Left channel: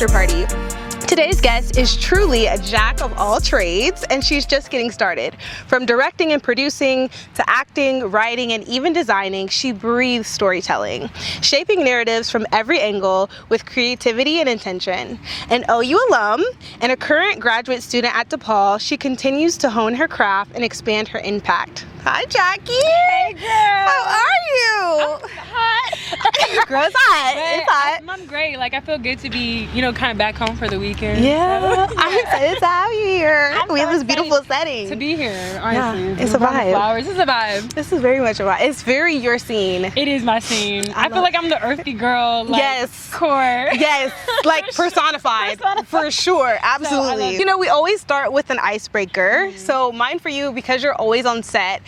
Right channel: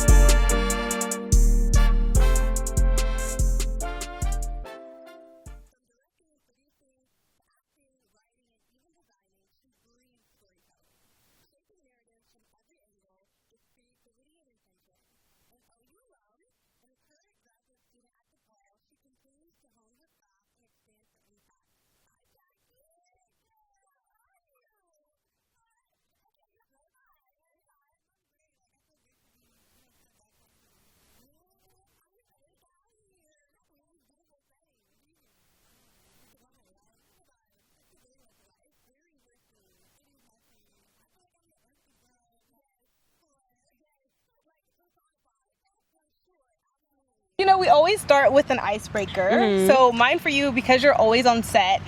after party. Today's guest is truly a jack of all trades, and she's just getting started. From directing and producing to acting, writing, and even designing, she breathes storytelling, shaping narratives from every angle with creativity and intention. An OU alum and a current graduate student at DePaul, she continues to hone her craft and expand her impact. Hi, Jackie. Hey, girl. How are you? Hot. Girl, it's hot. It's hot. I'm great. Like, I feel good to be, kind of back home for the weekend. Yeah, I'm excited to have you here. We have this beautiful setting. To be here, honestly. Yeah, it's a vibe. Flowers. It's a vibe. This is very much a vibe. It's very your scene. It is my scene. I feel like I'm the earthy girl. Like, yes. Core. Yes, like personified. For sure, absolutely. So we always start with an icebreaker. So mine for you, because you're always on set,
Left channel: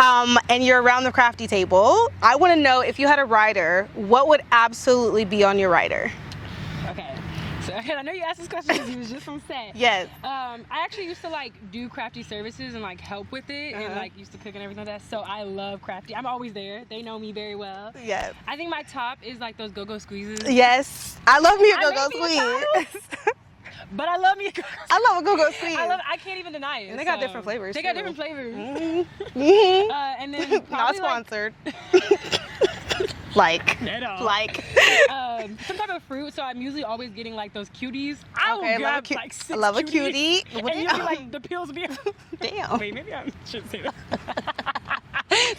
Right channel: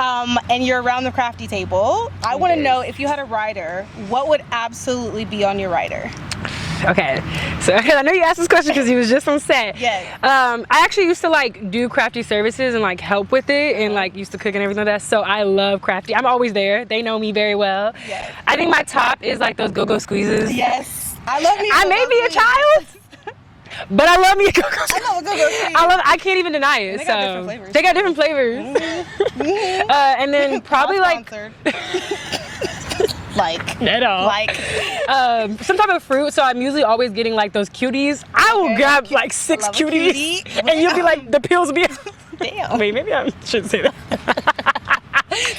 and you're around the crafty table, I want to know, if you had a rider, what would absolutely be on your rider? Okay, so I know you asked this question because you was just on set. Yes. I actually used to do crafty services and help with it and used to cook and everything like that. So I love crafty. I'm always there. They know me very well. Yes. I think my top is those go-go squeezes. Yes. I love me. I may be a child, but I love me a go-go squeeze. I love a go-go squeeze. I can't even deny it. They got different flavors. They got different flavors. And then probably Not sponsored. At all. Some type of fruit. So I'm usually always getting those cuties. I will grab 6 cuties, and you'll be the pills will be. Damn. Wait, maybe I shouldn't say that.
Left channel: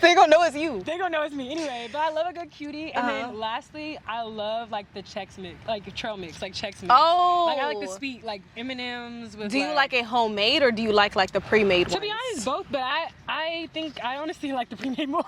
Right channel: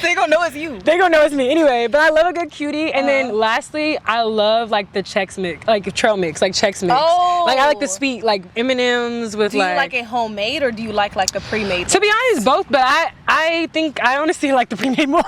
They gonna know it's you. They gonna know it's me anyway. But I love a good cutie. And then lastly, I love the Chex mix, trail mix, Chex mix. Oh. I like the sweet M&Ms with. Do you like it homemade or do you like the pre-made? To be honest, both. But I think I honestly like the pre-made more.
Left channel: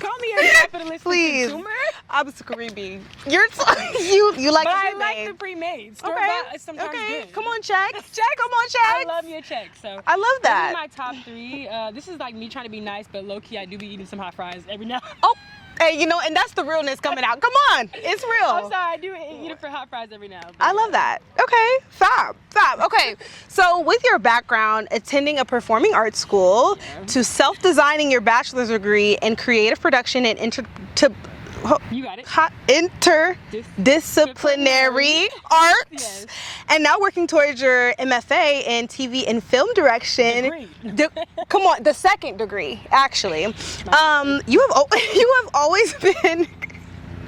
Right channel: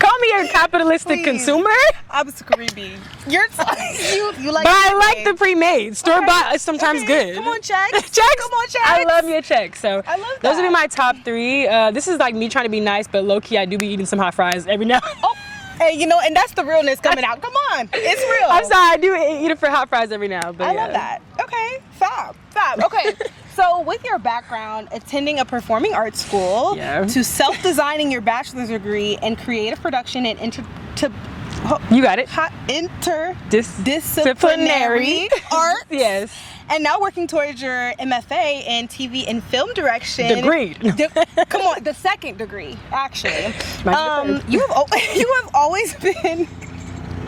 Call me a capitalistic consumer. I'm screaming. You like. But I like the pre-made. Store bought is sometimes good. Come on, Chex. Chex. Come on, Chex. I love me a Chex. So I love that. Those would be my top 3. This is me trying to be nice, but low key I do be eating some hot fries every now. Oh. Hey, and that's the realness coming out. Come on, it's real. I'm sorry, I do eat it for hot fries every now. But I love that. Okay, fab. Okay, so with your background, attending a performing arts school, to self-designing your bachelor's degree in creative production and you got it. Disciplinary arts. Yes. And now working towards your MFA in TV and film direction. Degree. Come on, the second degree, actually. You have always been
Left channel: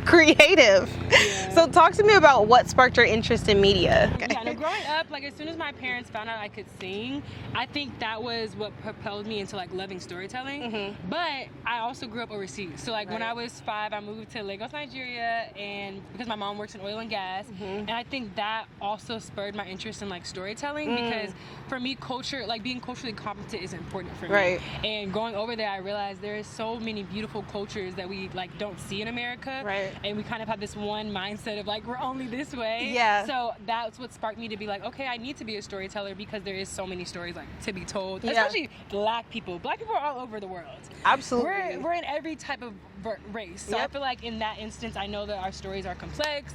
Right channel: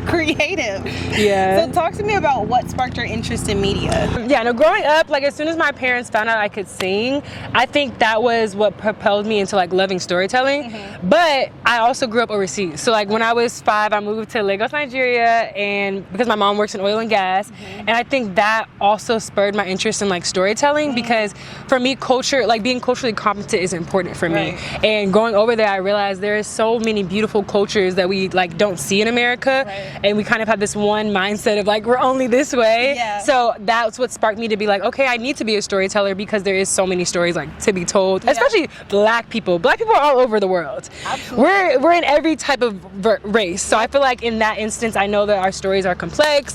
creative. Yeah. So talk to me about what sparked your interest in media. Yeah, no, growing up, as soon as my parents found out I could sing, I think that was what propelled me into loving storytelling. But I also grew up overseas. So when I was 5, I moved to Lagos, Nigeria, and because my mom works in oil and gas, and I think that also spurred my interest in storytelling because for me, culture, being culturally competent is important for me. And going over there, I realized there is so many beautiful cultures that we don't see in America. And we kind of have this one mindset of we're only this way. Yeah. So that's what sparked me to be okay, I need to be a storyteller because there is so many stories to be told, especially Black people. Black people are all over the world. Absolutely. We're in every type of race. So I feel in that instance, I know that our stories are complex.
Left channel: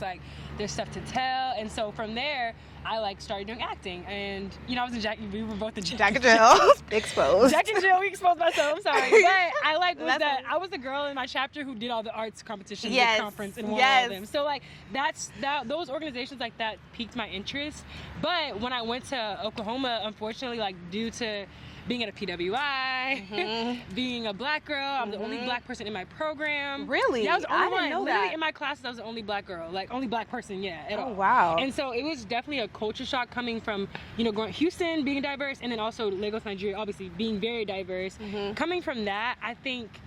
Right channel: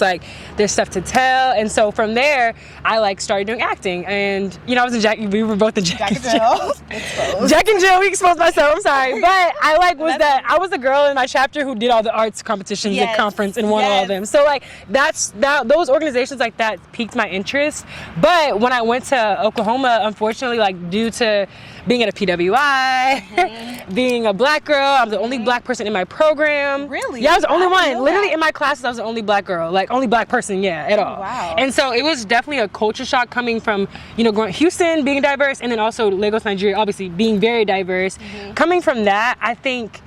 There's stuff to tell. And so from there, I started doing acting. And I was in we were both in Jack and Jill. Exposed. Jack and Jill, we exposed myself. I'm sorry, but I was the girl in my chapter who did all the arts competitions at conference and won all of them. So those organizations that piqued my interest. But when I went to Oklahoma, unfortunately, due to being at a PWI, being a Black girl, I'm the only Black person in my program. Really? Yeah, I was the only one. Literally in my classes, I was the only Black girl, only Black person, at all. Wow. And so it was definitely a culture shock coming from, going Houston, being diverse, and then also Lagos, Nigeria, obviously being very diverse. Coming from that, I think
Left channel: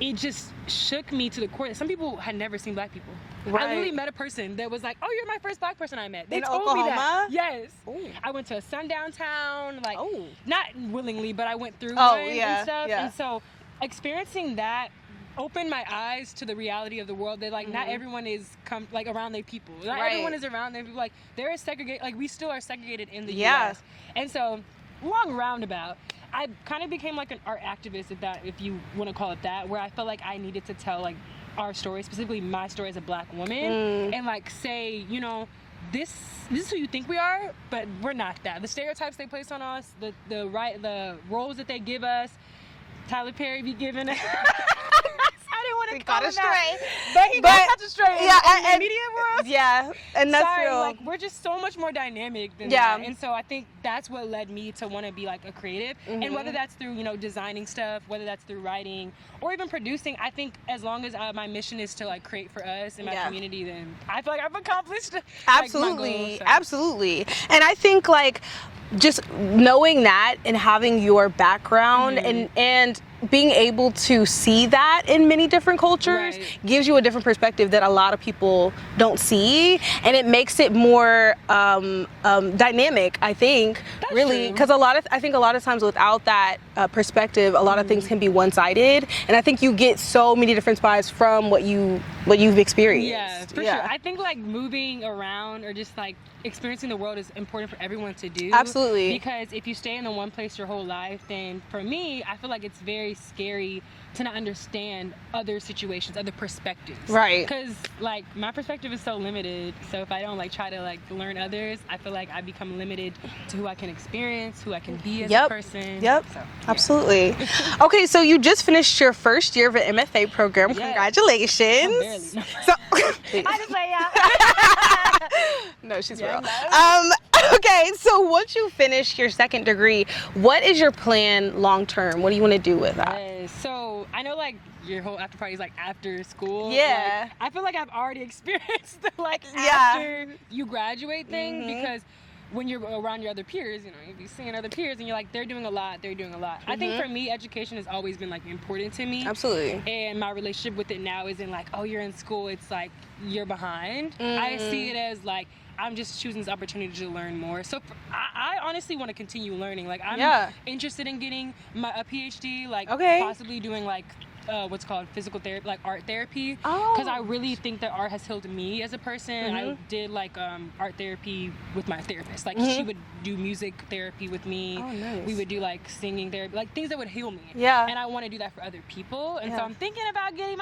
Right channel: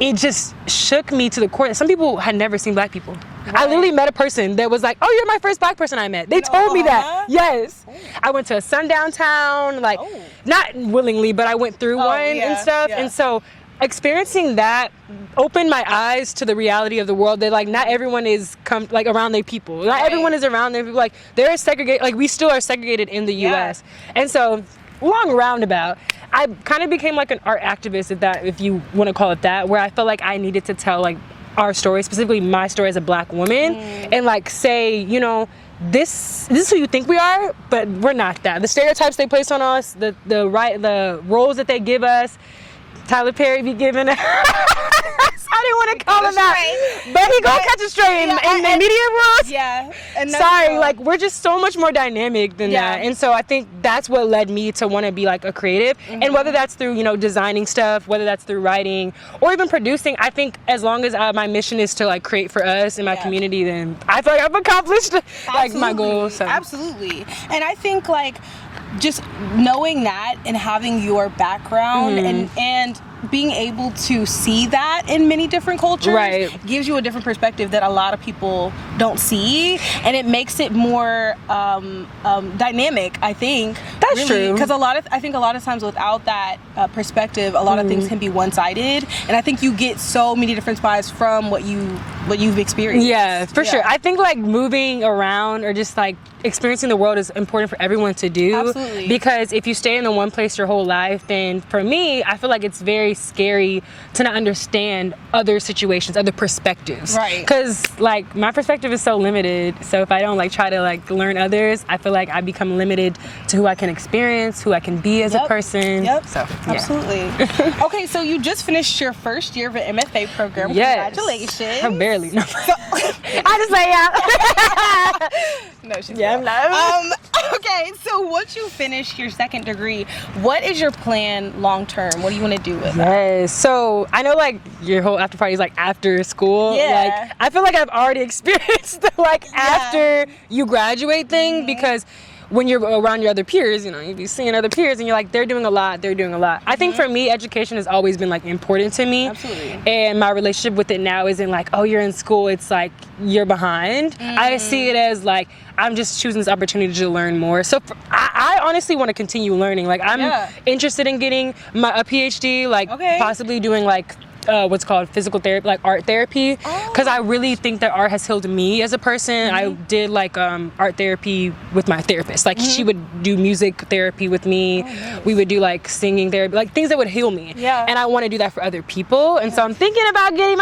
it just shook me to the core. Some people had never seen Black people. I literally met a person that was oh, you're my first Black person I met. They told me that. Yes. Oh. I went to a sundown town, not willingly, but I went through one and stuff. Yeah. And so experiencing that opened my eyes to the reality of the world that not everyone is around their people. Not everyone is around their people. There is segregate. We still are segregated in the U.S. And so long roundabout, I kind of became an art activist, if you want to call it that, where I felt I needed to tell our story, specifically my story as a Black woman, and say, this is who you think we are, but we're not that. The stereotypes they place on us, the roles that they give us, Tyler Perry be giving us. I didn't want to call him out, but he gonna catch a stray in the media world. Yeah, and Sorry, like we're just so much more dynamic than that, and so I think that's what led me to want to be like a creative, and whether that's through designing stuff, whether that's through writing, or even producing. I think as long as my mission is to like create for us and my community, then I feel like I've accomplished like my goals. So. Absolutely, and I think like just knowing that and having your background and being able to see that in many different cultures gives you a different perspective that a lot of people don't see, and it makes it more dynamic, I think. That's true. Because I think a lot of times without that perspective, a lot of things can be one-sided, and I think you get so many different spies from what you've experienced. Yeah, for sure. I think like moving around or just like experiencing the world is important for everyone to do. Absolutely. Because if you stay in the one place your whole life, then for me, I feel like it's very scary to not understand other situations, other perspectives. Right. Because like my perspective is so limited. So if I don't like try to like learn others, I feel like I become limited to who I can experience, who I can be as a person. So absolutely. Okay, so you just finished your first year of an MFA program. Yes. Congratulations. I'm barely. No. So, I just say yeah. No, she's Yeah, not. Okay, so once you finish your second degree, what is your plan long term? What do you want to do with that? Yes. So I know like your whole after party is like after school. Yeah. Like I feel like I've already experienced the like after you graduate thing because when you're around your other peers, you be seeing other peers and you're like, they're doing a lot. I think for me, education has always been like important to me. Absolutely. And my relationship with it now isn't like, oh, you're in school. It's like you're behind. I see it as like, I'm just choosing this opportunity to learn more. So I honestly want to continue learning. Like I'm interested in getting a PhD, like possibly doing like what's called physical therapy, like art therapy, because I really think that art has healed me as a person. I did like art therapy with my therapist. Like she would do music therapy with me. We would do like singing therapy, like things that would heal me. And I want to do that for other people. And so I'm thinking about getting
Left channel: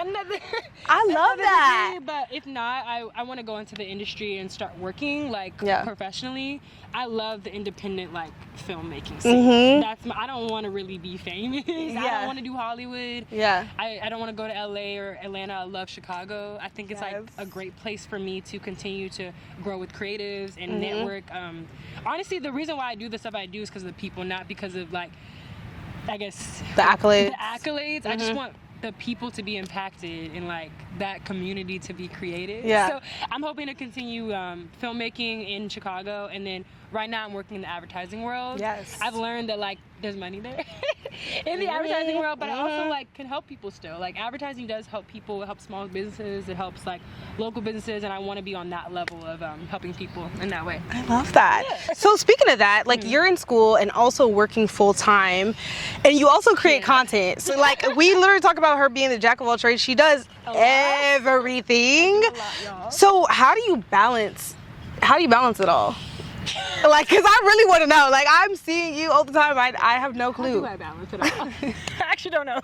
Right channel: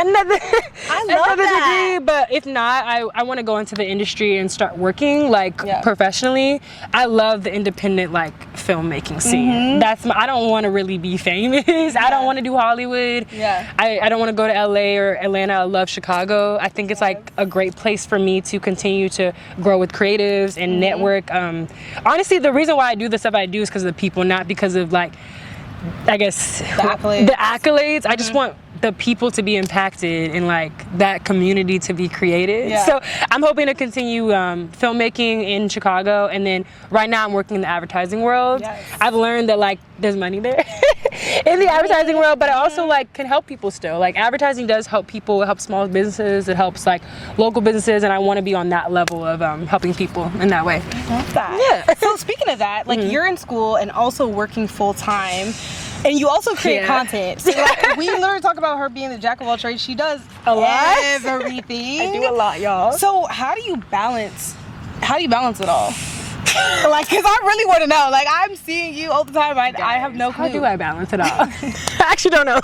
another degree, but if not, I want to go into the industry and start working like professionally. I love the independent like filmmaking scene. I don't want to really be famous. I don't want to do Hollywood. I don't want to go to LA or Atlanta. I love Chicago. I think it's like a great place for me to continue to grow with creatives and network. Honestly, the reason why I do the stuff I do is because of the people, not because of like, I guess the accolades. I just want the people to be impacted and like that community to be created. So I'm hoping to continue filmmaking in Chicago, and then right now I'm working in the advertising world. I've learned that like there's money there in the advertising world, but I also like can help people still. Like advertising does help people, it helps small businesses, it helps like local businesses, and I want to be on that level of helping people in that way. I love that. So speaking of that, like you're in school and also working full time. And you also create content. So like we literally talk about her being the jack of all trades. She does everything. I do a lot, y'all. So how do you balance it all? Like, cause I really want to know. Like, I'm seeing you all the time. I have no clue. How do I balance it all? I actually don't know.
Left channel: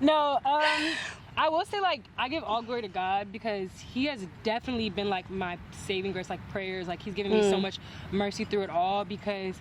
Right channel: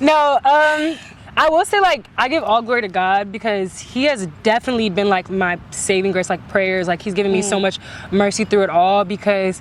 No, I will say like I give all glory to God, because He has definitely been like my saving grace, like prayers. Like He's given me so much mercy through it all, because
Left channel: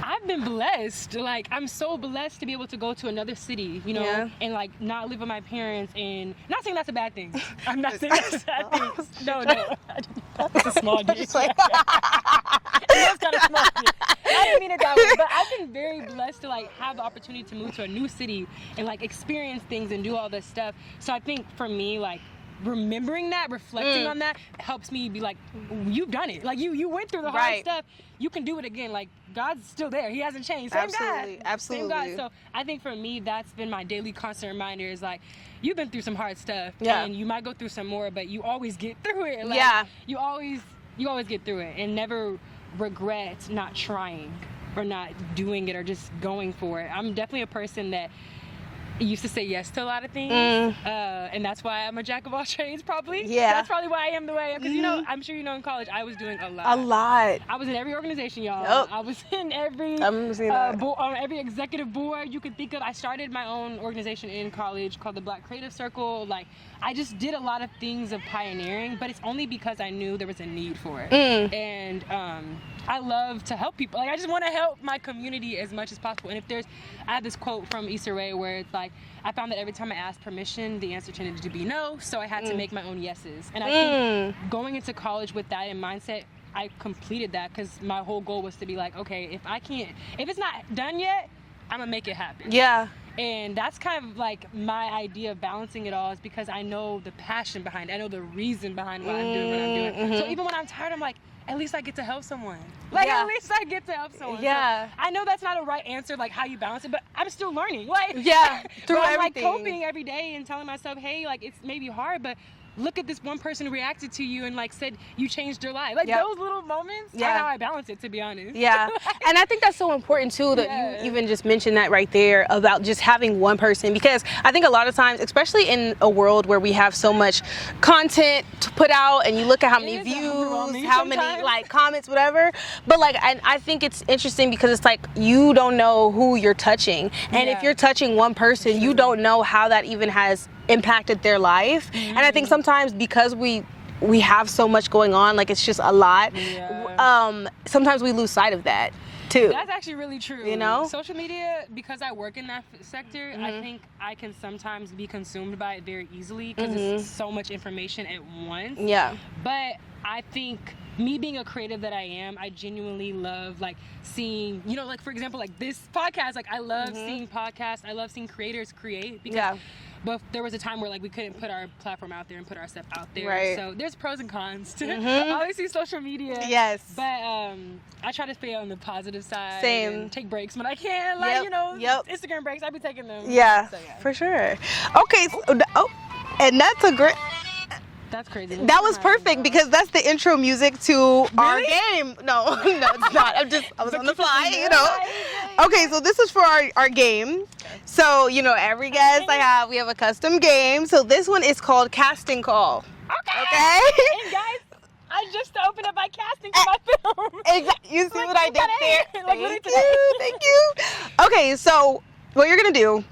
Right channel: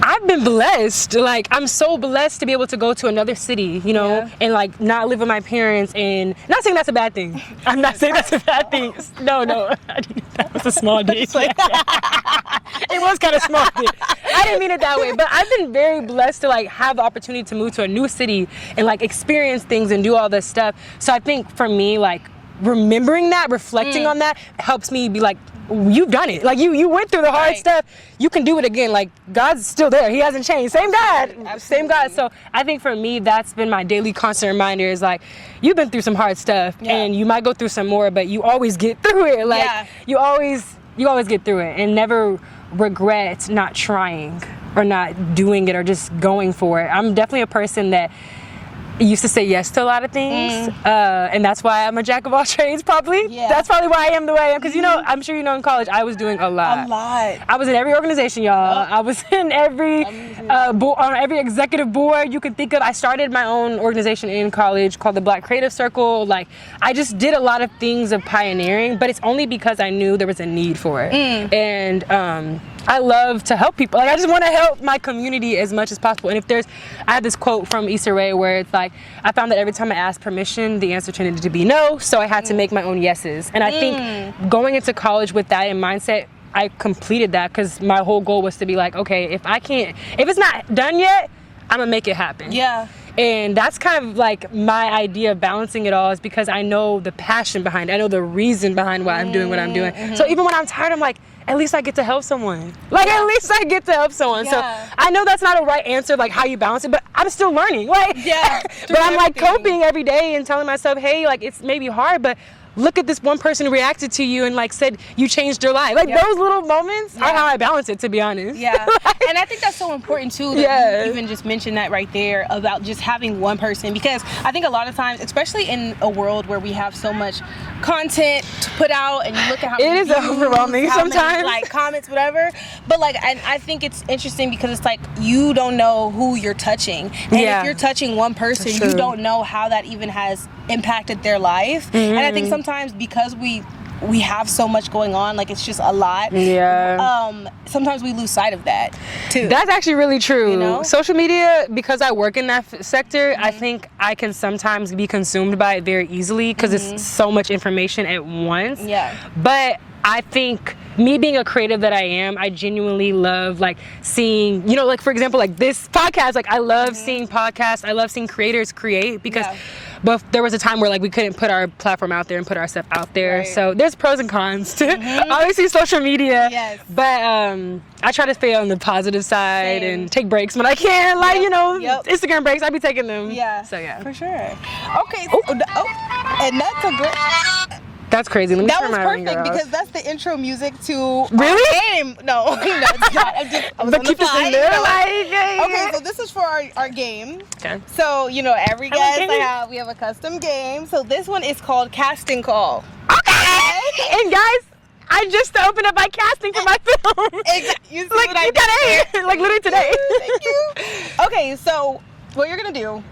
I've been blessed. Like, I'm so blessed to be able to go to another city, and like not live with my parents, and not saying that's a bad thing. I'm not saying that's a bad thing. No. That was a small dick. It was kind of small dick. I didn't mean it that way, but I've been very blessed to like have the opportunity to move to a new city and like experience things and do all this stuff. So I think for me, like remembering that, reflecting on that helps me be like, you've done it. Like you went through the hard stuff. You can do it again. Like God's still there. He hasn't changed. Same God. Same God. So I think for me, that's been my daily constant reminder is like, you've been through some hard stuff and you might go through some more, but you always get through it. Like you always get through it, and never regret not trying or not doing it or just going for it. I'm definitely a person that used to say yes to a lot of things, and that's why I'm a jack of all trades, probably. That's probably why I am the way I am, because I'm sure in college I was doing a lot. I was in every organization, y'all. I was in every on every executive board you can think of. I started my own organization in college called the Black Creative Circle. Like, I just did a lot of things of pioneering, but it's only because I knew there was a need for it. And I love to help people. Like, I just want to help my community as much as possible. And I have this quote from Issa Rae where it's like, I found that every time I asked permission, the answer tended to be no, so I had to make my own yeses. And I think going into college with that in mindset, I completed that because my whole goal was to be like, okay, if it's not done yet, I'm gonna make it happen. Yeah. And that's kind of like my idea of balancing it all, is because I know the passion behind it. I know the reason behind why I'm doing what I'm doing. So even when I'm tired, I'm like, at least I get to help someone. Like, at least I get to help someone. So I know that's not a right answer, like how you balance it, but I'm still learning. Like, but I'm like coping every day and telling myself, hey, like, it's maybe hard, but look at this one person who reacted to you and like said you changed their life. Like those little moments are how I balance it, to be honest. Yeah. And I think that's so important too, that you even just mentioned that right there about just having one person, because I think a lot of times, especially in a world where we have so much content to put out and you look at how many views, overwhelming how sometimes. many, like, comments, whatever. But like, I think it's interesting because it's like you don't know who you're touching. And if you're touching one person, you don't know how that even has impacted their life. And I think sometimes because we have so much going on, like it's just a lot. Sometimes we lose sight of that too. That's actually really true. You know? Social media, because I work in that sector, I think I can sometimes be consumed by it very easily because it's so much information at once. But I think me being a creative that I am, I genuinely love like seeing, you know, like for example, like this podcast, like I love seeing podcasts. I love seeing creators create because but there was a time where like we couldn't put our platform out there and put our stuff out there. So there's pros and cons to obviously social media. But I try to stay on the positive side and take breaks when I can. Like, you know, Instagram breaks, I be taking them. So for sure. Okay. And that's a great. That's crazy. That was perfect because that's the intro music to our game. No, it's not. I'm just on the fly, you know. Okay, so this is for our game. Okay. So, you know, every guest we have a custom game. So this one is called Casting Call. Okay. And guys, I just opened up my casting for my film. Exactly. You see like, what I did? Like literally today. Thank you. Okay, so what you're gonna do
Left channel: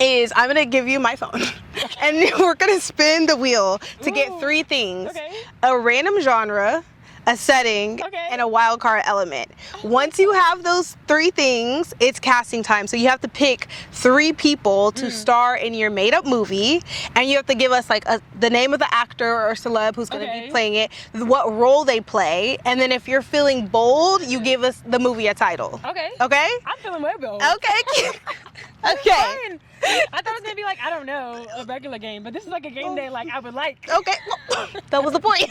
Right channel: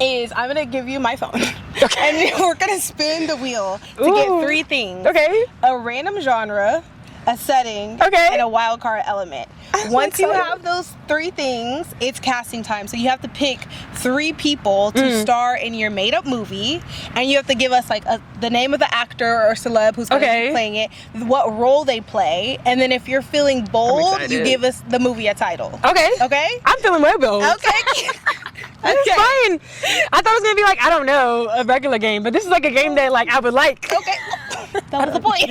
is I'm gonna give you my phone, and then we're gonna spin the wheel to get 3 things. A random genre, a setting, and a wild card element. Once you have those 3 things, it's casting time. So you have to pick 3 people to star in your made-up movie, and you have to give us like the name of the actor or celeb who's going to be playing it, what role they play, and then if you're feeling bold, you give us the movie a title. Okay? I'm feeling way bold. That's fine. I thought it was gonna be like, I don't know, a regular game, but this is like a game that like I would like. That was the point.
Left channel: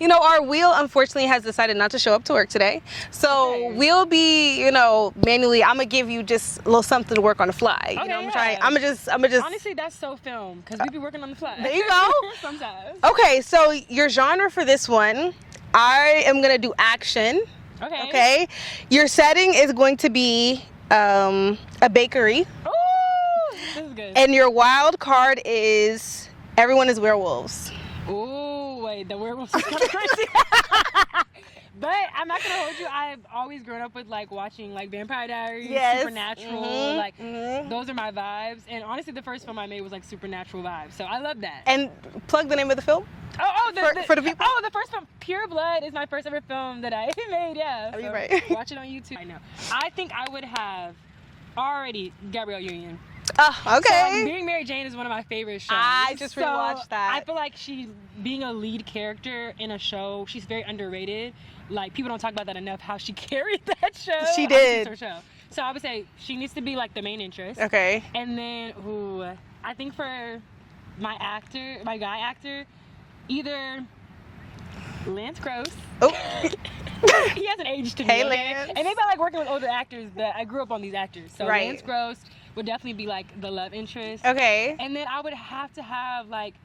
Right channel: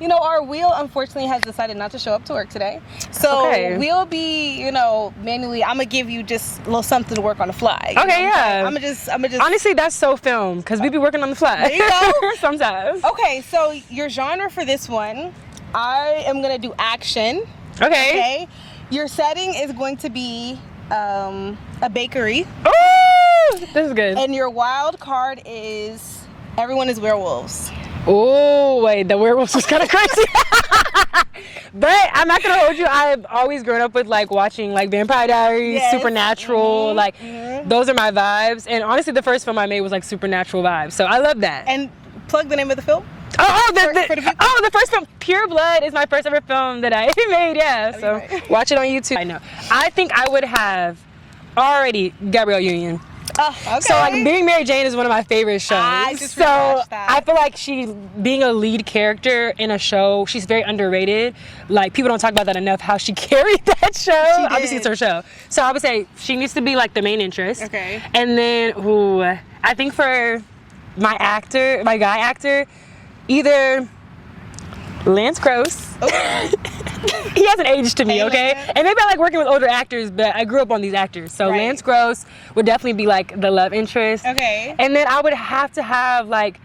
You know, our wheel unfortunately has decided not to show up to work today. So we'll be, you know, manually, I'm gonna give you just a little something to work on the fly. I'm gonna just honestly, that's so film, because we be working on the fly. There you go. Sometimes. Okay, so your genre for this one, I am gonna do action. Okay. Your setting is going to be a bakery. Ooh, this is good. And your wild card is everyone is werewolves. Oh, wait, the werewolves is kind of crazy. But I'm not gonna hold you. I've always grown up with like watching like Vampire Diaries, Supernatural, like those are my vibes. And honestly, the first film I made was like Supernatural vibes, so I love that. And plug the name of the film. The first film, Pure Blood, is my first ever film that I made. So watch it on YouTube. I know. I think I would have already Gabrielle Union. So like being Mary Jane is one of my favorite shows. I feel like she being a lead character in a show, she's very underrated. Like people don't talk about that enough, how she carried that show. She did. Obviously it's her show. So I would say she needs to be like the main interest. And then I think for my guy actor, either Lance Gross. He hasn't aged to me, okay? And maybe I like working with older actors, but I grew up on these actors. So Lance Gross would definitely be like the love interest. And then I would have to have like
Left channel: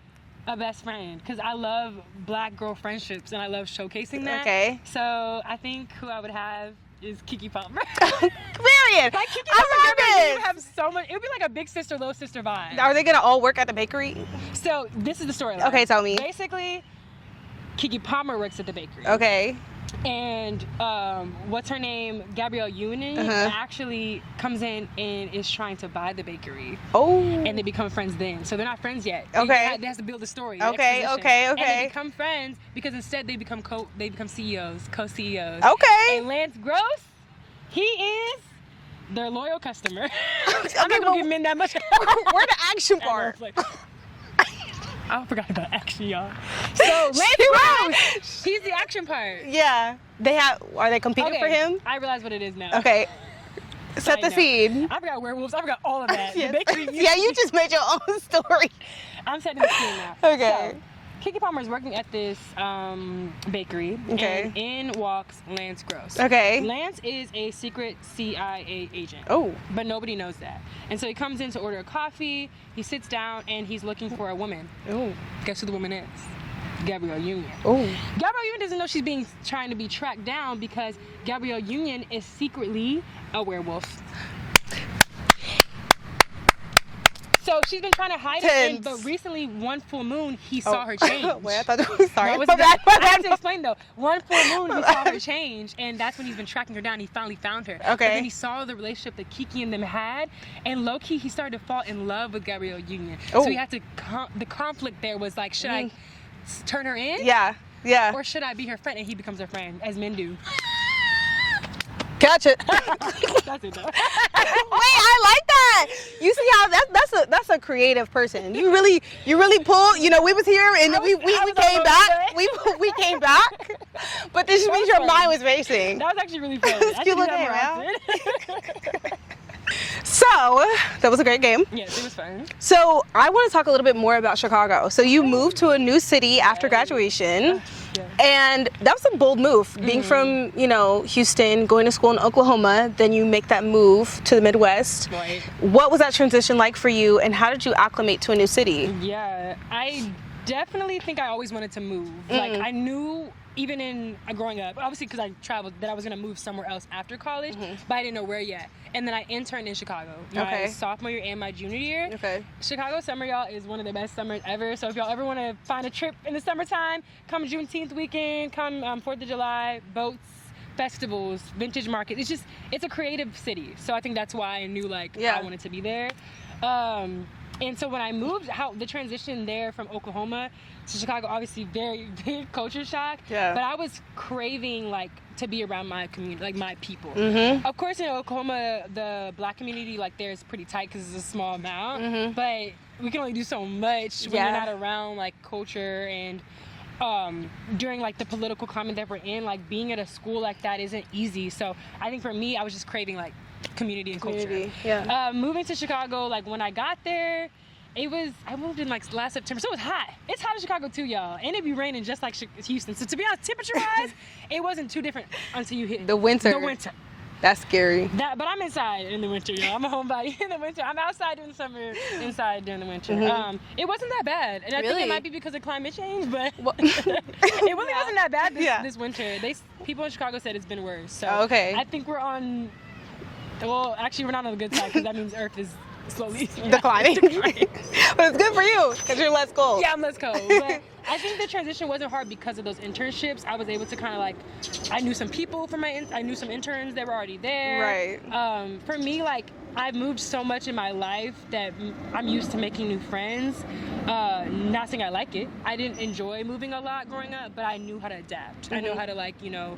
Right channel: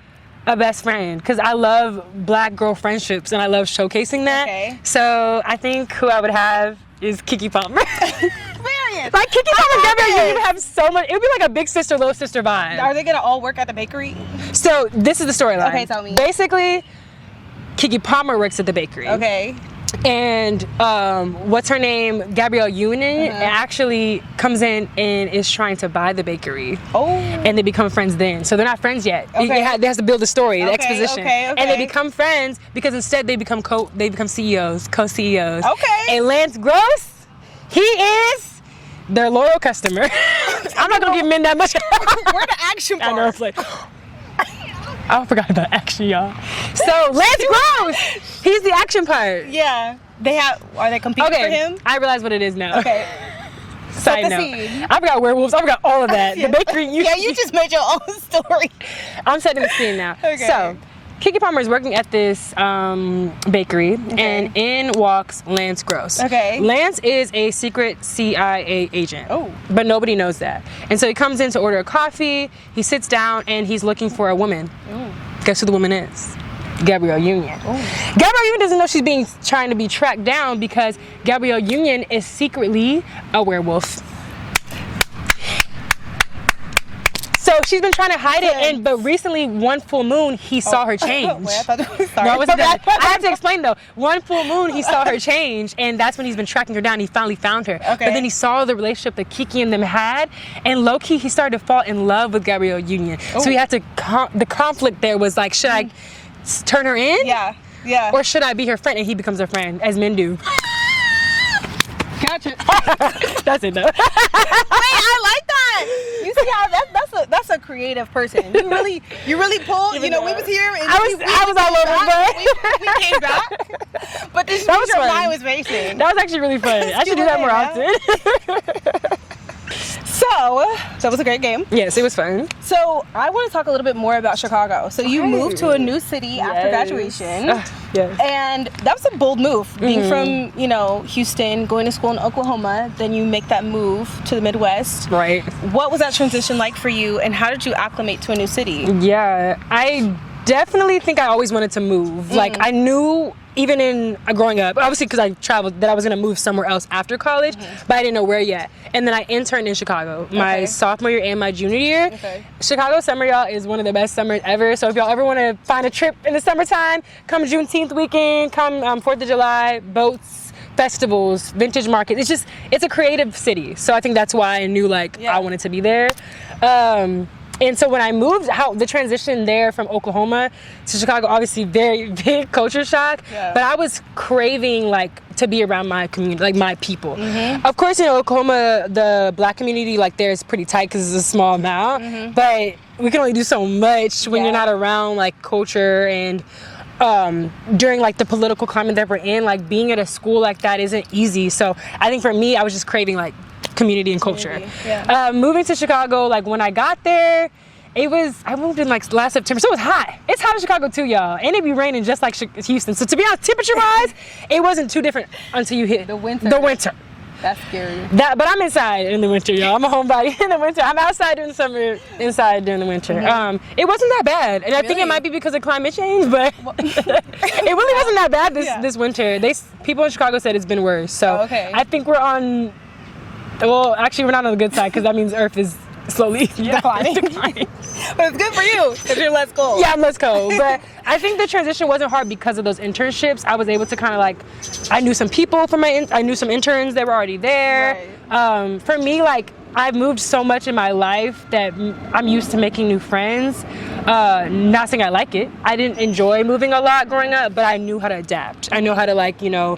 a best friend, because I love black girl friendships and I love showcasing that. So I think who I would have is Keke Palmer. Like Keke Palmer and Gabrielle Union have so much. It would be like a big sister, little sister vibe. Are they gonna all work at the bakery? So this is the storyline. Okay, tell me. Basically, Keke Palmer works at the bakery. And what's her name? Gabrielle Union actually comes in and is trying to buy the bakery. Oh. And they become friends then. So they're not friends yet. Okay. They have to build the story, the exposition. Okay. And they become friends because instead they become CEOs, co-CEOs. Okay. And Lance Gross, he is their loyal customer. I'm not gonna give men that much. Where the action part? I know, it's like, I forgot about action, y'all. So Lance Gross, he's the action part. Yeah. Are they competing for him? I realize what it is now. Okay. Side Set the note. scene. I forgot werewolves. I forgot all of that. The bakery. Yeah, you just made your own story. I'm setting the scene now. Okay. So, Kiki Palmer is working at this bakery, and in walks Lance Gross. Okay. Lance is a secret CIA agent. Oh. But nobody knows that. And so he comes in to order a coffee. He sits down, and he's looking for a woman. Oh. Guess who the woman is? Gabrielle Union. Ooh. Gabrielle Union doesn't know she's trying to be tracked down because Gabrielle Union is secretly a werewolf. So she's been trying to hide it, but recently, one full moon, he saw her change. Wait, I thought it was sorry. No, I have to explain though. One full moon, he saw her change, and that's when he's been tracking her down. He finally found her. Okay. But then he saw the relationship that Kiki and them had, and low key, he started to fall in love with Gabrielle Union. Oh. So he had to. The conflict there was like, should I turn her in? Yeah. Yeah. Or should I be her friend? And he becomes her friend, as men do. Gotcha. That's it though. Wait, I like that. You see how that's a creative person. You really pulled. You know, we was here and we came back. But this means your mind was racing. That was actually really fun. I should do that more often. So, that was a great game. Yes, it was fun. So, I want to talk a little bit more about Chicago. So, you moved to a new city after graduation. Yes. And that was a bold move. Being from, Houston, going to school in Oklahoma, then you make that move to the Midwest. Right. What was that transition like for you, and how did you acclimate to a new city? Yeah, I definitely think I always wanted to move. Like, I knew even in growing up, obviously because I traveled, that I was going to move somewhere else after college, but I didn't know where yet. And then I interned in Chicago my sophomore year and my junior year. Okay. Chicago summer, y'all, is one of the best summers ever. So if y'all ever want to find a trip in the summertime, come Juneteenth weekend, come 4th of July, boats, festivals, vintage market. It's a creative city. So I think that's why I knew I wanted to be there. And so when I moved, the transition there from Oklahoma to Chicago, obviously very big culture shock, but I was craving to be around my community, my people. Of course, in Oklahoma, the black community there is pretty tight because it's a small amount, but we can only do so much when you're not around culture and during the political climate that we're in, being at a school like that isn't easy. So I think for me, I was just craving community and culture. Yeah. Moving to Chicago, when I got there, I moved in last September, so it was hot. It's hot in Chicago too, y'all, and it be raining just like Houston. So to be honest, temperature-wise, it wasn't too different until you hit the winter. That's scary. But I'm inside in the winter, y'all. I'm a homebody in the winter. I'm outside during the summer, inside during the winter. It wasn't that bad, and I think it might be because of climate change, but it really wasn't that bad this winter. People in Chicago said it's been worse. So I think we're on. Well, actually, we're not on the good side because that means Earth is slowly declining. But it's good for you because you're less cold. Yeah, I'm less cold. But I think the transition wasn't hard because of those internships. I was able to kind of I knew some people from I knew some interns that were already there. Right. For me, I've moved so much in my life that I'm used to making new friends. Not saying I like it. I didn't enjoy moving a lot growing up, but I knew how to adapt. I know how to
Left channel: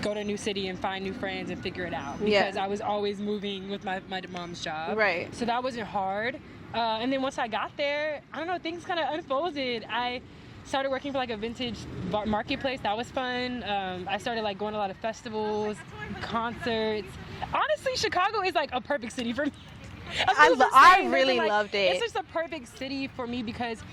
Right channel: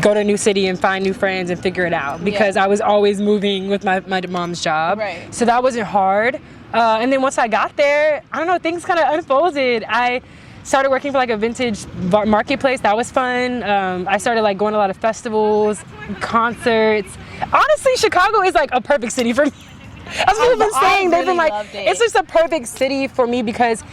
go to a new city and find new friends and figure it out because I was always moving with my mom's job. Right. So that wasn't hard. And then once I got there, I don't know, things kind of unfolded. I started working for a vintage marketplace. That was fun. I started going to a lot of festivals, concerts. Honestly, Chicago is a perfect city for me. As people have been saying, they've been it's just a perfect city for me because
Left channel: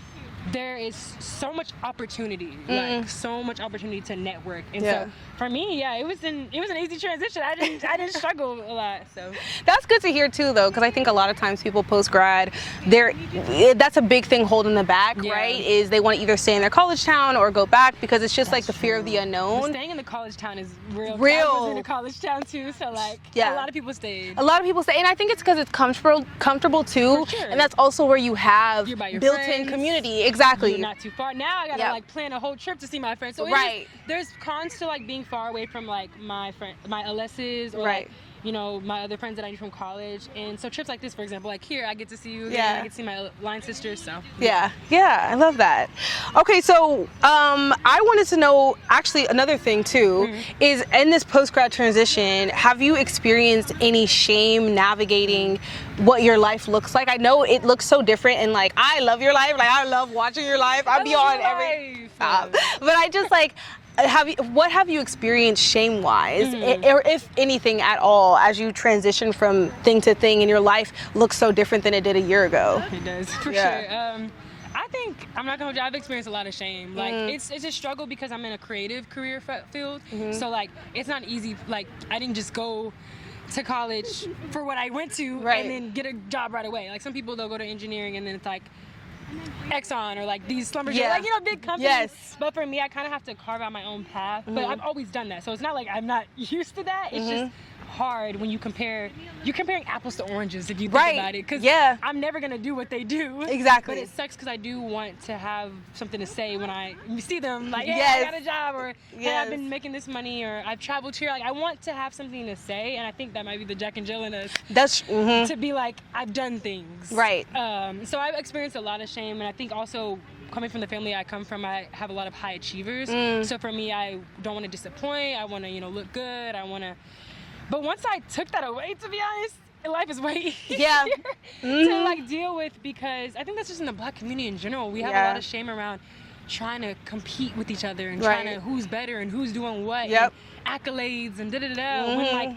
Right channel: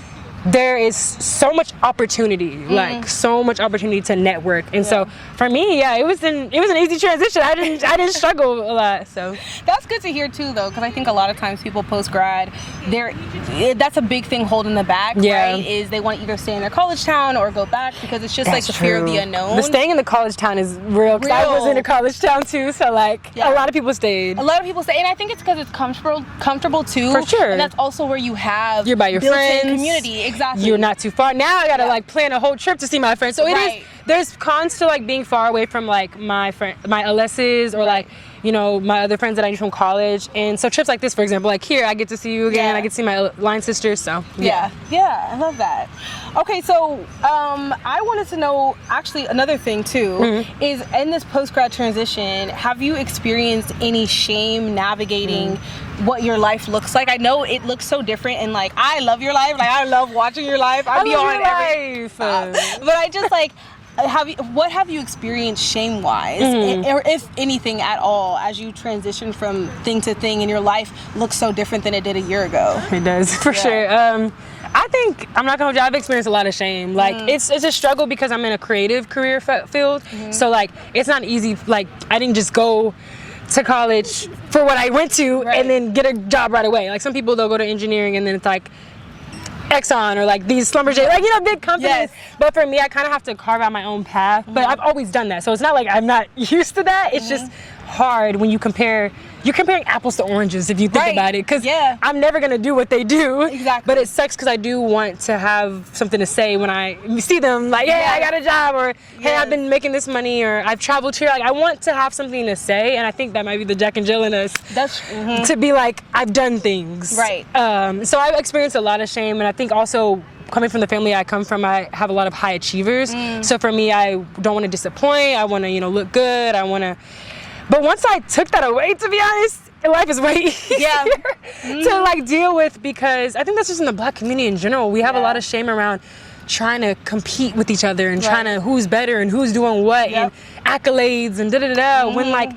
there is so much opportunity, so much opportunity to network, and so for me, it was an easy transition. I didn't struggle a lot. So that's good to hear too, though, because I think a lot of times people post grad, that's a big thing holding them back. Right? Is they want to either stay in their college town or go back because it's just fear of the unknown. The staying in the college town is real. I was in a college town too, so a lot of people stayed. A lot of people stay, and I think it's because it's comfortable too. For sure. And that's also where you're by your built-in community. Exactly. You're not too far. Now I gotta plan a whole trip to see my friends. So it is there's cons to like being far away from like my LSs or like, you know, my other friends that I knew from college. And so trips like this, for example, like here, I get to see you again. I get to see my line sisters. So yeah, I love that. Okay, so I wanted to know, actually, another thing too, is in this post-grad transition, have you experienced any shame navigating what your life looks like? I know it looks so different, and like, I love your life. Like, I love watching your life. I'll be on every but I just like, what have you experienced shame-wise, or if anything at all, as you transition from thing to thing and your life looks so different than it did a year ago? It does, for sure. I think, I'm not gonna hold you, I've experienced a lot of shame. Like, it's a struggle because I'm in a creative career field. So like, it's not easy. Like, I didn't just go to college for what I went to and then get a job right away. Like, some people, they'll go to engineering and then it's like Exxon or like these Schlumberger, like, you know, big companies. But for me, I kind of have to carve out my own path. But I've always done that, so it's not like I'm not used to that. It's just hard when you're comparing apples to oranges, if you think about it, because I'm never gonna do what they do. But it sucks because I do want to have something to say when I see them, like, hey, I got a job, or hey, I've been making this money, or I've traveled here. Like, I want to have something to say, and I think that might be the Jack and Jill in us. To be like, I've done things. So I've experienced a lot of shame, and I think also, coming from the family I come from, I have a lot of high achievers. So for me, I don't want to disappoint. I want to, you know, look good. I want to. But once I took that away, to be honest, life is way easier to like deal with, because I think that's just in the Black community in general. We have a lot of shame around trying to compete with each other and trying to who's better and who's doing what and accolades and da-da-da-da, when like,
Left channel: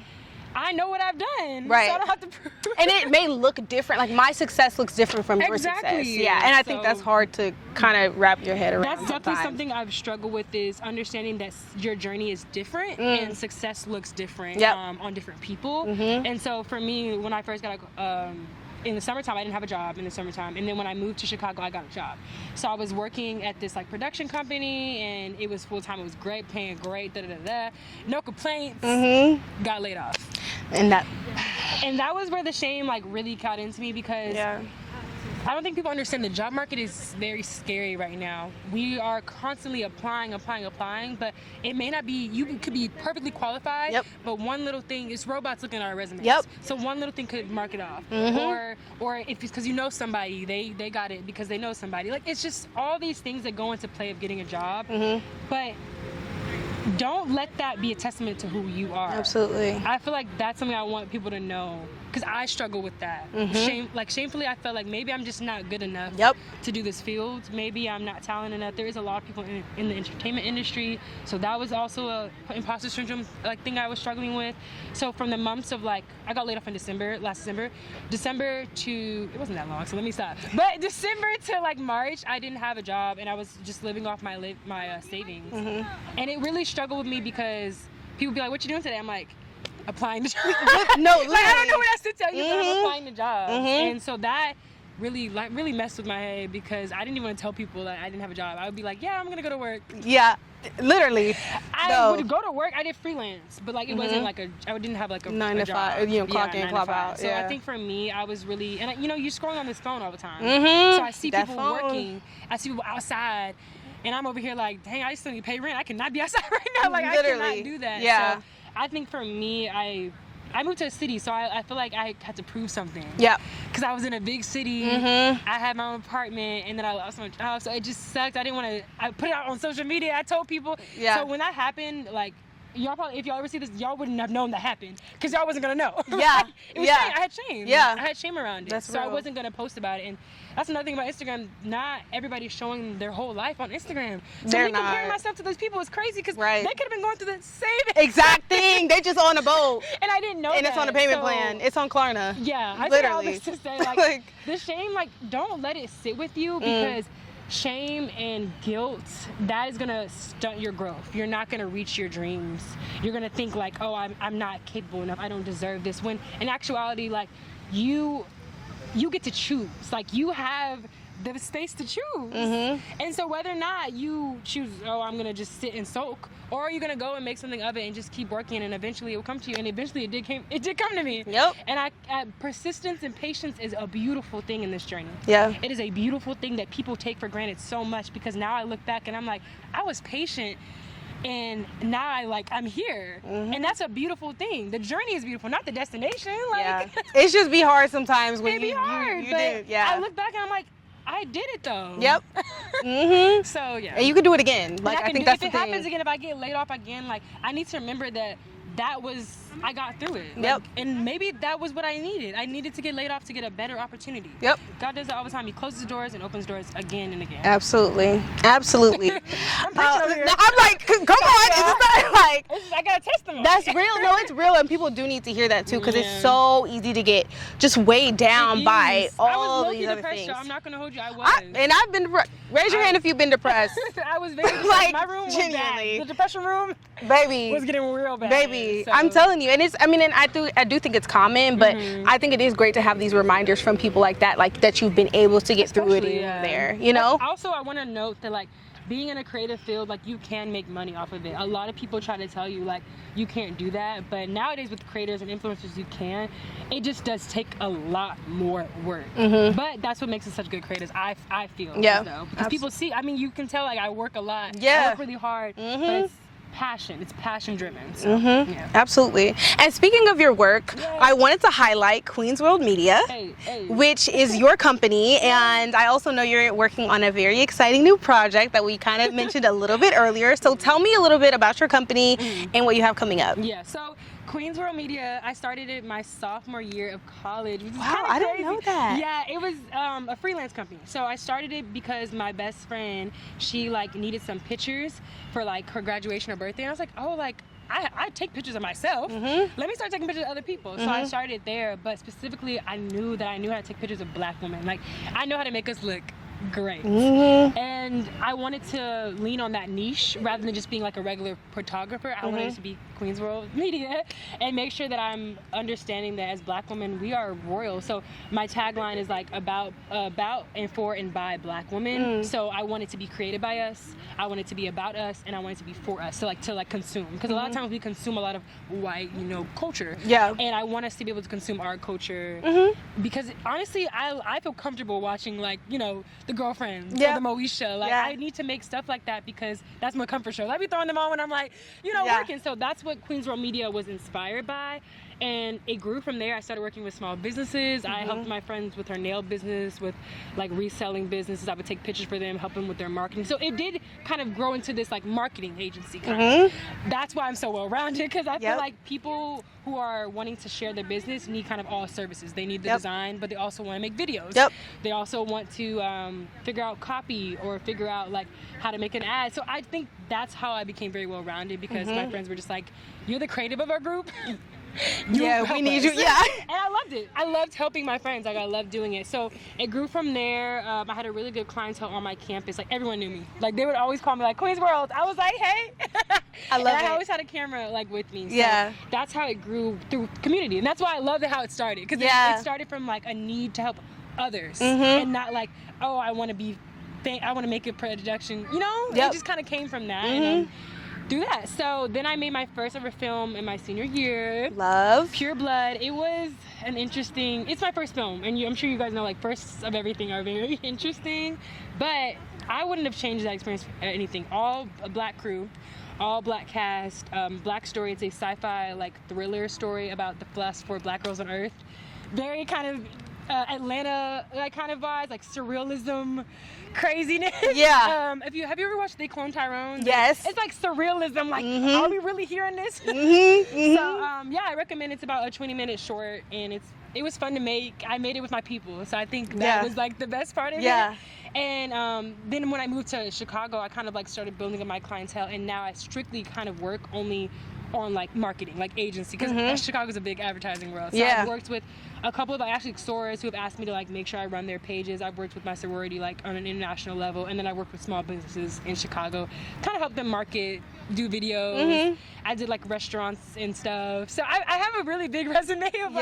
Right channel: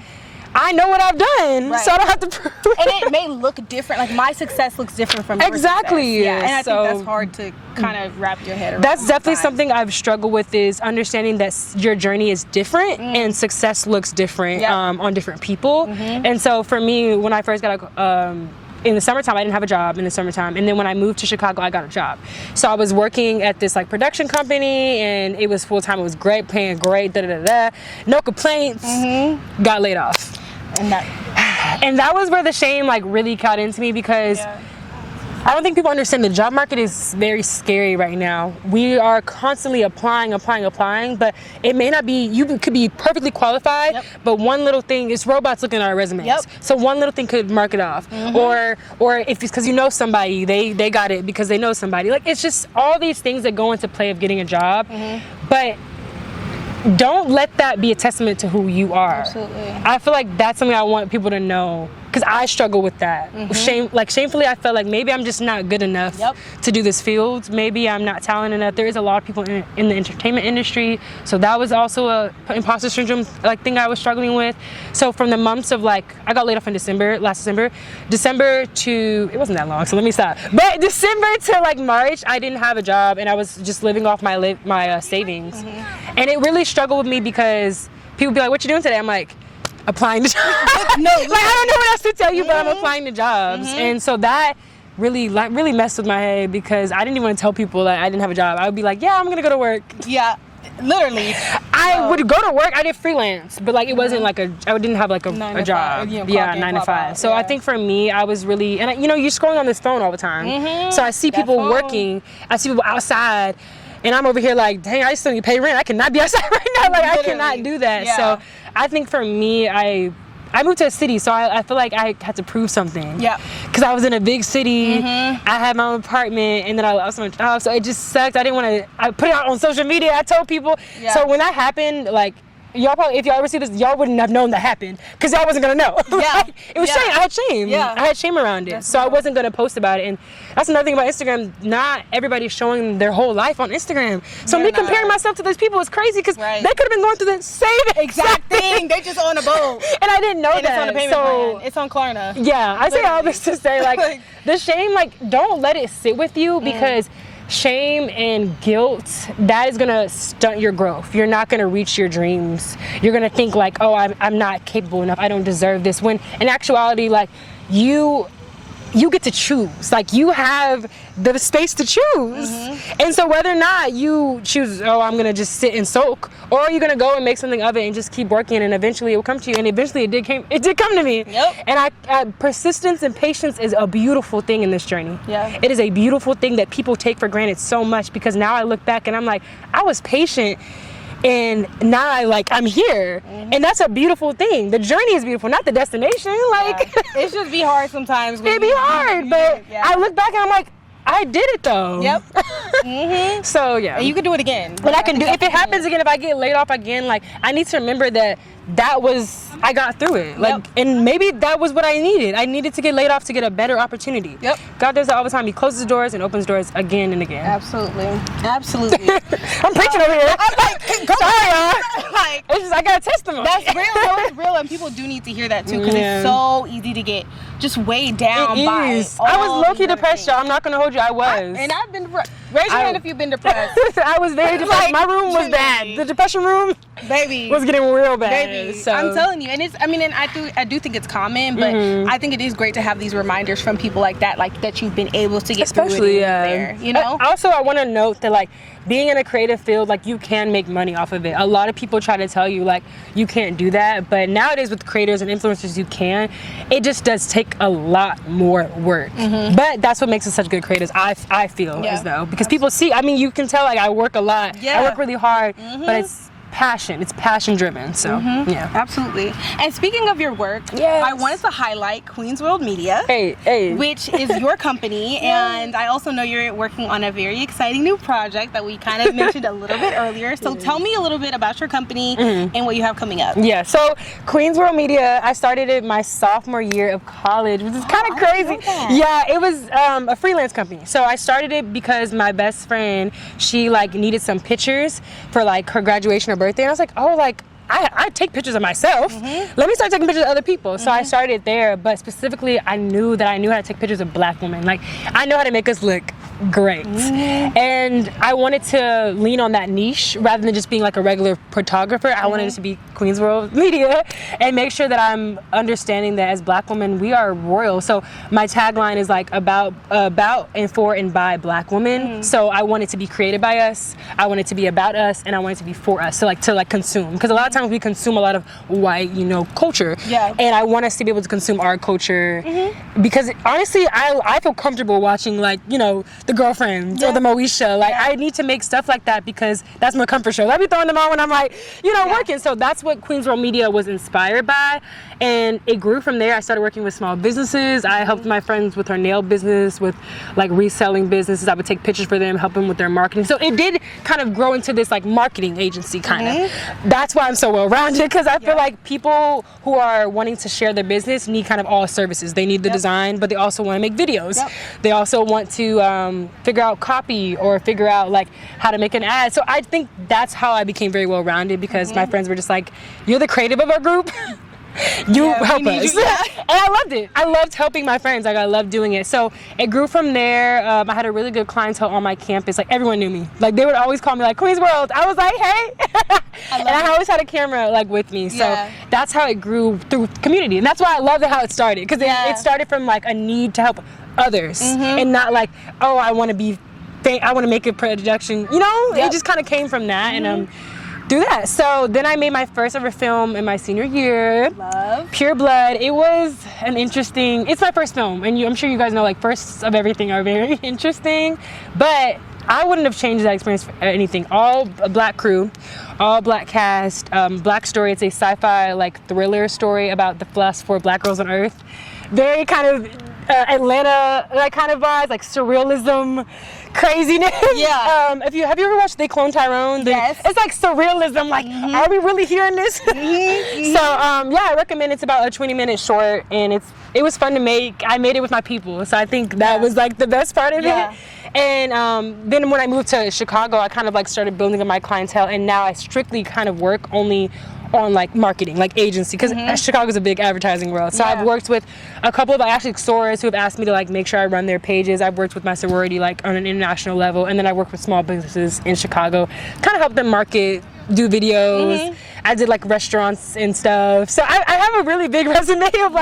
I know what I've done, so I don't have to prove it. And it may look different. Like, my success looks different from your success. Yeah, and I think that's hard to kind of wrap your head around. That's definitely something I've struggled with, is understanding that your journey is different and success looks different on different people. And so for me, when I first got in the summertime, I didn't have a job in the summertime. And then when I moved to Chicago, I got a job. So I was working at this like production company, and it was full-time. It was great, paying great, da-da-da-da. No complaints. Got laid off. And that was where the shame like really caught into me, because I don't think people understand the job market is very scary right now. We are constantly applying, but it may not be, you could be perfectly qualified, but one little thing, it's robots looking at our resumes. So one little thing could mark it off. Or if it's because you know somebody, they got it because they know somebody. Like, it's just all these things that go into play of getting a job. But don't let that be a testament to who you are. Absolutely. I feel like that's something I want people to know, because I struggle with that. Shamefully, I felt like maybe I'm just not good enough to do this field. Maybe I'm not talented enough. There is a lot of people in the entertainment industry, so that was also a imposter syndrome like thing I was struggling with. So from the months of like, I got laid off in last December to, it wasn't that long, so let me stop. But December to like March, I didn't have a job, and I was just living off my savings. And it really struggled with me, because people be like, what you doing today? I'm like, applying to jobs. Like, I don't know what else to tell you, but I'm applying to jobs. And so that really messed with my head, because I didn't even want to tell people that I didn't have a job. I would be like, yeah, I'm gonna go to work. Literally. I would go to work. I did freelance, but like, it wasn't like I didn't have like a job. 9 to 5. So I think for me, I was really, and you know, you're scrolling on this phone all the time. So I see people working, I see people outside, and I'm over here like, dang, I still need to pay rent. I cannot be outside right now. Like, I cannot do that. So I think for me, I moved to a city, so I feel like I had to prove something. Because I was in a big city, I had my own apartment, and then I lost my job, so it just sucked. I didn't want to, I put it out on social media, I told people. So when that happened, like, y'all probably, if y'all ever see this, y'all wouldn't have known that happened, because y'all wasn't gonna know. It was shame. I had shame. I had shame around it. So I wasn't gonna post about it. And that's another thing about Instagram. Not everybody's showing their whole life on Instagram. So me comparing myself to those people is crazy, because they could have been going through the same exact thing. They just on a boat. And I didn't know that. It's on the payment plan. It's on Klarna. I say all this to say, like, the shame, like, don't let it sit with you, because shame and guilt, that is gonna stunt your growth. You're not gonna reach your dreams. You're gonna think like, oh, I'm not capable enough, I don't deserve this, when in actuality, like, you get to choose. Like, you have the space to choose. And so whether or not you choose, oh, I'm gonna just sit and soak, or you're gonna go and make something of it and just keep working, and eventually it will come to you. And eventually it did come to me. And persistence and patience is a beautiful thing in this journey. It is a beautiful thing that people take for granted so much, because now I look back and I'm like, I was patient And now I'm here. And that's a beautiful thing. The journey is beautiful, not the destination. It's just be hard sometimes. It'd be hard, but I look back and I'm like, I did it though. Yep. So yeah. And you could do it again. But I can do, if it happens again, if I get laid off again, I need to remember that was, I got through it. And maybe that was what I needed. I needed to get laid off to get a better opportunity. Yep. God does that all the time. He closes doors and opens doors again and again. Absolutely. Absolutely. I'm preaching over here. I'm like, go on. It's just, I got a testimony. That's real. No, it's real. And people do need to hear that too, because it's so easy to get just weighed down by all I was low-key these depressed, y'all. I'm not going to hold you. I was. And I've been depressed. Raise your hand if you've been depressed. I was very depressed. My room was bad. The depression room was getting real bad. Baby, so. I'm telling you. And it's, and I do think it's common, but I think it is great to have these reminders from people like that you've been able to get through it there, you know? Also, I want to note that being in a creative field, you can make money off of it. A lot of people try to tell you you can't do that, but nowadays with creators and influencers you can. It just does take a lot more work. But that's what makes us such good creators, I feel as though. Because people see, you can tell I work a lot. I work really hard, but it's passion. It's passion driven. So yeah. Absolutely. And speaking of your work, I wanted to highlight Queen's World Media, which is your company. And I also know you're working on a very exciting new project that we kind of mentioned a little bit earlier. So tell me a little bit about your company and what you have coming up. Yeah, so Queen's World Media, I started it my sophomore year of college, which is kind of crazy. Yeah, it was a freelance company. So I started it because my best friend, she needed some pictures for her graduation or birthday, and I was like, I take pictures of myself. Let me start taking pictures of other people. So I started there, but specifically I knew how to take pictures of Black women. I know how to make us look great. And I wanted to lean on that niche rather than just being a regular photographer. I wanted it to be Queen's World Media and make sure that I'm understanding that as Black women, we are royal. So my tagline is about and for and by Black women. So I want it to be created by us, I want it to be about us, and I want it to be for us. So to consume. Because a lot of times we consume a lot of white, culture. Yeah. And I want us to be able to consume our culture because honestly, I feel comfortable watching the Girlfriends or the Moesha. I need to make stuff like that because that's my comfort show. I'll be throwing them on when I'm working. So that's what Queen's World Media was inspired by. And it grew from there. I started working with small businesses. I helped my friends with her nail business, with reselling businesses. I would take pictures for them, help them with their marketing. So it did kind of grow into this marketing agency kind of. That's why I'm so well-rounded, because I feel like people who are wanting to share their business need kind of all services. They need the design, but they also want to make videos. They also want to figure out copy or figure out how to make an ad. So I think that's how I became very well-rounded, because my friends were just you're the creative of our group. You help us. And I loved it. I loved helping my friends. I loved doing it. So it grew from there. I had a really good clientele on my campus. Everyone knew me. They would always call me Queen's World. I was hey. And I always had a camera with me. So that's how it grew through community. And that's why I loved how it started. Because it started from a need to help others and not oh, I want to be I want to make a production. It just kind of came from that. And do that. So then I made my first ever film in my senior year. Love. Pure Blood. It was it's my first film, and I'm sure you guys know firsts of everything are very interesting, but I wouldn't have changed that experience for anything. All Black crew, all Black cast, Black story. It's a sci-fi thriller story about the last 4 Black girls on Earth. Very kind of Atlanta kind of vibes, surrealism, craziness. Yeah. Have you ever watched They Clone Tyrone? Yes. It's surrealism. Are we really hearing this? So I recommend. It's about a 20-minute short, and it was fun to make. I made it with my people, so I think that was the best part of it. And then when I moved to Chicago, I kind of started building up my clientele, and now I strictly kind of work only on marketing, agency, because Chicago's a big advertising world. So I've worked with a couple of sorors who have asked me to make sure I run their pages. I've worked with my sorority on an international level, and then I work with small businesses in Chicago, kind of help them market, do videos. I did restaurants and stuff. So I have a really big resume of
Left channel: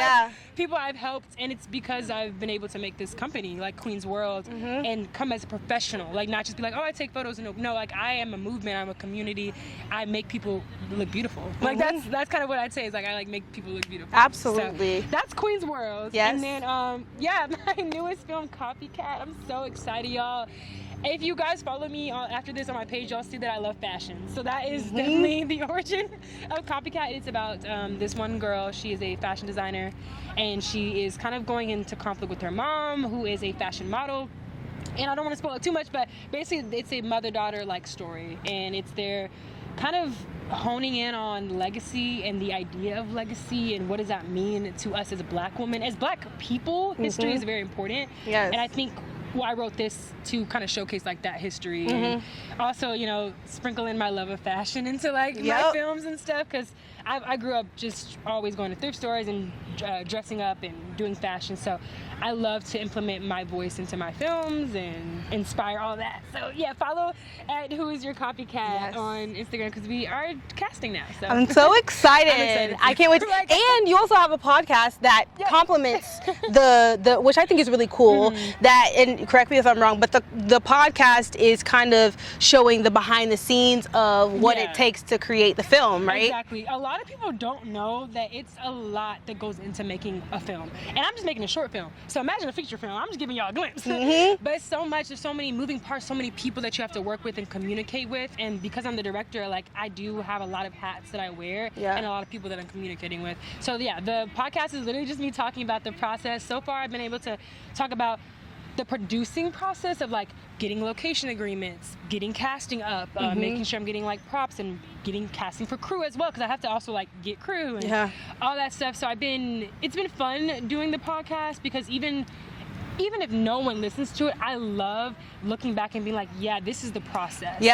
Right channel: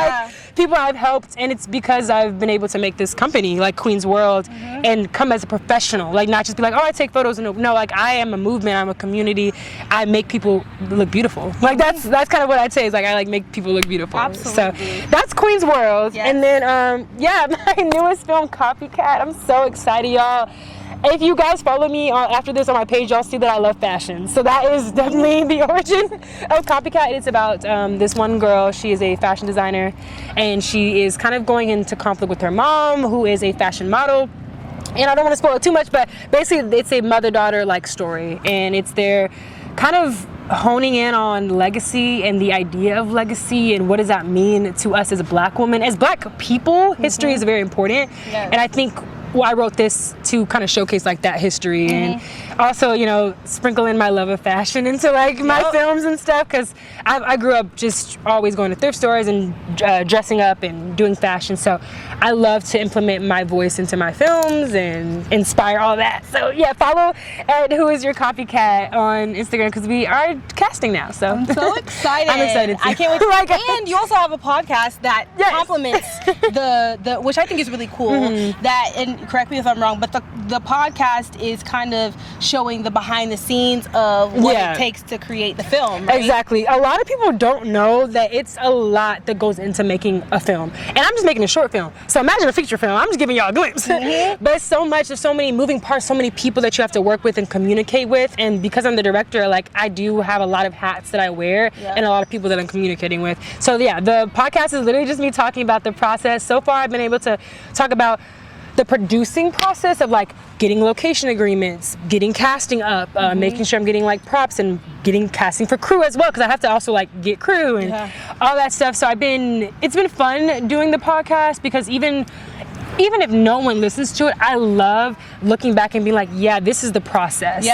people I've helped, and it's because I've been able to make this company Queen's World and come as a professional, not just be oh, I take photos. No, I am a movement. I'm a community. I make people look beautiful. That's kind of what I'd say is I make people look beautiful. Absolutely. So that's Queen's World. Yes. And then my newest film, Copycat. I'm so excited, y'all. If you guys follow me after this on my page, y'all see that I love fashion. So that is definitely the origin of Copycat. It's about this one girl. She is a fashion designer, and she is kind of going into conflict with her mom, who is a fashion model. And I don't want to spoil it too much, but basically it's a mother-daughter like story, and it's their kind of honing in on legacy and the idea of legacy and what does that mean to us as a Black woman. As Black people, history is very important. Yes. And I think I wrote this to kind of showcase like that history and also, you know, sprinkle in my love of fashion into like my films and stuff, because I grew up just always going to thrift stores and dressing up and doing fashion. So I love to implement my voice into my films and inspire all that. So yeah, follow at Who Is Your Copycat on Instagram, because we are casting now. So I'm so excited. I'm excited too. I can't wait. And you also have a podcast that complements the which I think is really cool. That, and correct me if I'm wrong, but the podcast is kind of showing the behind the scenes of what it takes to create the film, right? Exactly. A lot of people don't know that it's a lot that goes into making a film. And I'm just making a short film. So imagine a feature film. I'm just giving y'all a glimpse. But it's so much, there's so many moving parts, so many people that you have to work with and communicate with. And because I'm the director, like I do have a lot of hats that I wear and a lot of people that I'm communicating with. So yeah, the podcast is literally just me talking about the process. So far I've been able to talk about the producing process of like getting location agreements, getting casting up, making sure I'm getting like props and getting casting for crew as well, because I have to also like get crew and all that stuff. So it's been fun doing the podcast, because even if no one listens to it, I love looking back and being like, yeah, this is the process.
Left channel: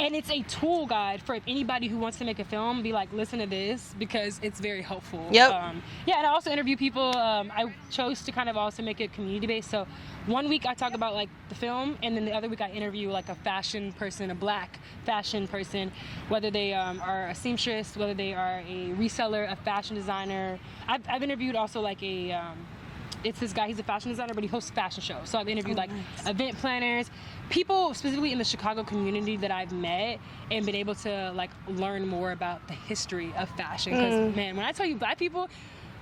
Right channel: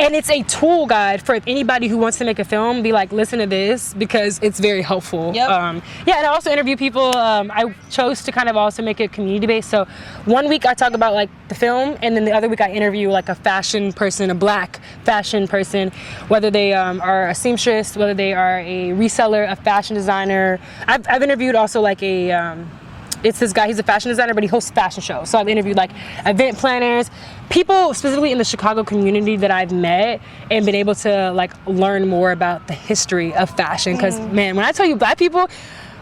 And it's a tool guide for anybody who wants to make a film, be like, listen to this, because it's very helpful. And I also interview people. I chose to kind of also make it community based. So one week I talk about like the film, and then the other week I interview like a fashion person, a Black fashion person, whether they are a seamstress, whether they are a reseller, a fashion designer. I've interviewed also like it's this guy, he's a fashion designer, but he hosts fashion shows. So I've interviewed like event planners, people specifically in the Chicago community that I've met and been able to like learn more about the history of fashion. Because man, when I tell you Black people,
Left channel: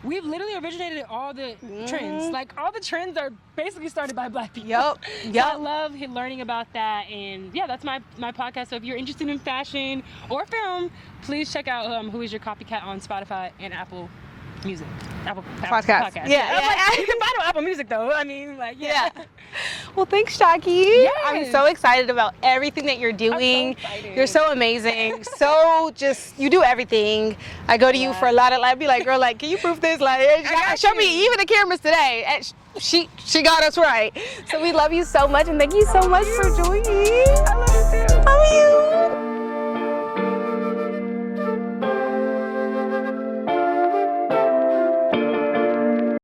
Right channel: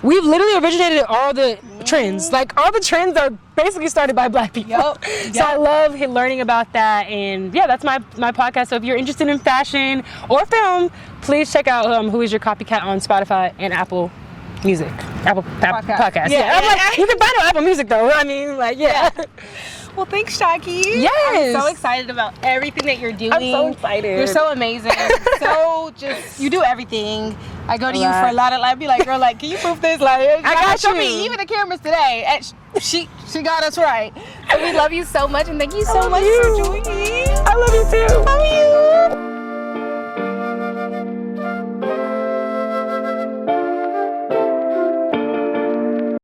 we've literally originated all the trends. Like all the trends are basically started by Black people. So I love learning about that. And yeah, that's my podcast. So if you're interested in fashion or film, please check out Who Is Your Copycat on Spotify and Apple Music, Apple Podcast. I'm like, you can find it on Apple Music though. I mean, like, Well, thanks, Shaki. I'm so excited about everything that you're doing. I'm so excited. You're so amazing. You do everything. I go to you for a lot of, I'd be like, girl, like, can you proof this? Like, I got show me even the cameras today. And she got us right. So we love you so much, and thank you so much for joining. I love you too. Love you.